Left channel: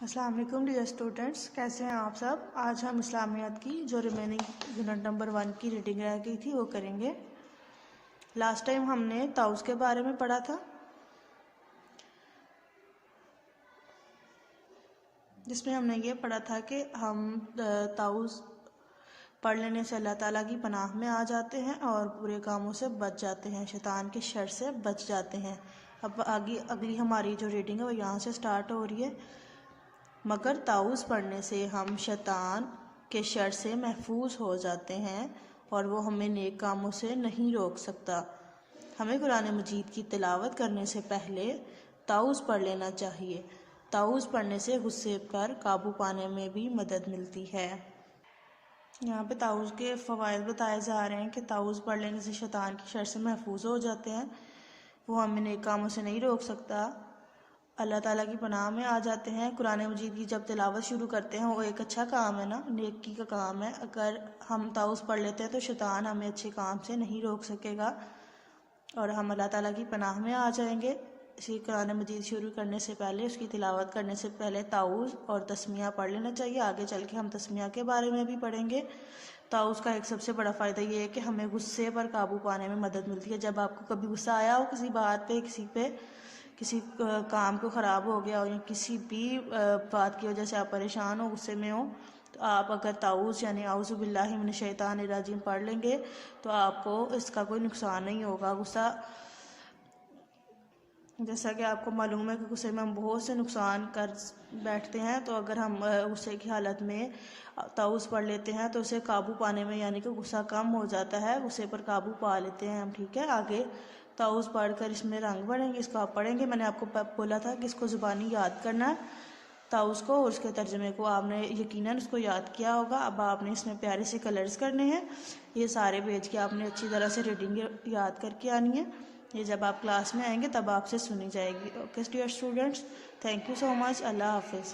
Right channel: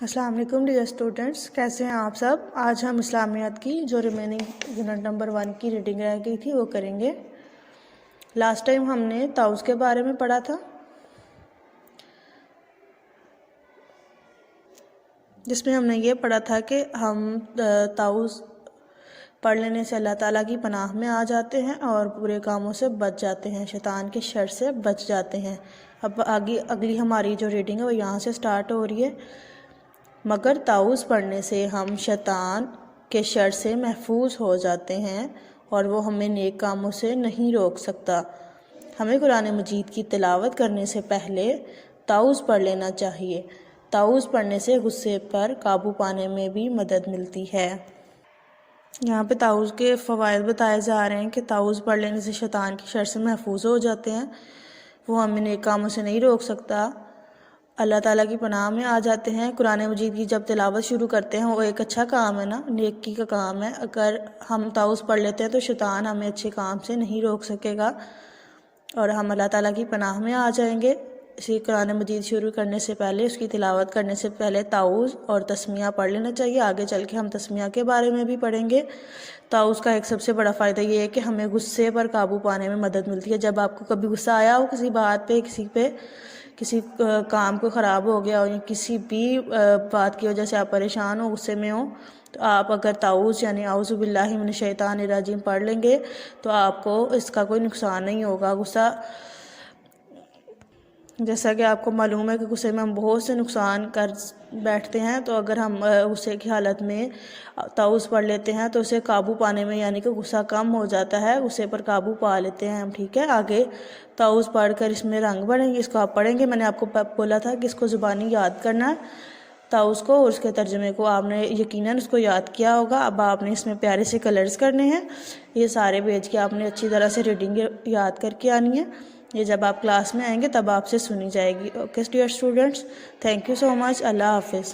السلام علیکم dear students, کیسے ہیں آپ سب؟ آج ہم اسلامیات کی جو ریمیننگ یونٹ نمبر 1 کی ریڈنگ رہ گئی تھی وہ کریں گے۔ لاسٹ ٹائم ہم نے طاؤس کے بارے میں پڑھا تھا، جس میں ہم نے یہ پڑھا تھا کہ ہم طاؤس پڑھ لینے سے اللہ تعالیٰ کی پناہ میں آ جاتے ہیں اور برے کاموں سے بچ جاتے ہیں، شیطان کے شر سے بچ جاتے ہیں۔ اب اگلی ہماری جو ریڈنگ ہے وہ یہاں سے سٹارٹ ہو رہی ہے۔ مگر طاؤس پڑھنے سے ہم شیطان کے شر سے محفوظ ہو جاتے ہیں اور وہ ہمیں نیک کاموں سے نہیں روک سکتا۔ ہمیں قرآن مجید کی تلاوت کرنے سے پہلے طاؤس پڑھ لینا چاہیے۔ طاؤس پڑھنے سے غصے پر قابو پانے میں بھی مدد ملتی ہے۔ یہاں پہ طاؤس کے فوائد بتائے جا رہے ہیں کہ طاؤس پڑھ لینے سے شیطان کے شر سے محفوظ ہو جاتے ہیں، وہ ہمیں نیک کاموں سے نہیں روک سکتا، اللہ تعالیٰ کی پناہ میں آ جاتے ہیں۔ قرآن مجید کی جب تلاوت شروع کرتے ہیں وہ ایک اچھا کام ہے نا، نیکی کا کام ہے۔ اگر ہم طاؤس پڑھ لیتے ہیں تو شیطان ہمیں اچھے کام سے نہیں روک سکے گا اور ہم اللہ تعالیٰ کی پناہ میں آ جائیں گے۔ اسی قرآن مجید شروع کرنے سے پہلے، اس کی تلاوت کرنے سے پہلے طاؤس اور تسمیہ پڑھ لینا چاہیے۔ آگے چل کے ہم تسمیہ کے بارے میں بھی پڑھیں گے۔ طاؤس کا ایک سب سے بڑا فائدہ یہ ہے کہ ہمیں غصے پر قابو پانے میں مدد ملتی ہے۔ جب آپ کو کبھی غصہ آیا ہو کسی بات پہ، کسی کام کو خراب ہو گیا ہو یا کسی بھی بات کی وجہ سے آپ پریشان ہو، غصے میں ہو، تو آپ اگر طاؤس یعنی اعوذ باللہ من الشیطان الرجیم پڑھ لیں گے تو آپ کو اس کا کوئی نقصان نہیں ہوگا۔ غصہ، جیسا کہ آپ کو معلوم ہے کہ غصے میں ہم بہت سے نقصان کر بیٹھتے ہیں، تو اگر ہم غصے کی حالت میں طاؤس پڑھ لیتے ہیں تو اسے قابو پانے میں، یعنی کہ غصہ کم ہو جاتا ہے، غصے پر قابو پا لیتے ہیں ہم۔ ٹھیک ہے، آگے طاؤس پڑھ کر اس میں رنگ بڑھیں گے، اس کو آپ پڑھیں گے۔ میں نے آپ کو بولا تھا کہ اس کو زبانی یاد کرنا ہے طاؤس کو، اور اس کے ترجمے کو آپ نے یقیناً اس کو یاد کیا ہوگا۔ اب آپ نے اس میں پیارے سے کلرز کرنے ہیں، یہ سارے پیج کی آپ نے اچھی طرح سے ریڈنگ یاد کر کے آنی ہے۔ یہ جب آپ کلاس میں آئیں گے تب آپ سے سنی جائے گی۔ Okay dear students, thank you so much, اللہ حافظ۔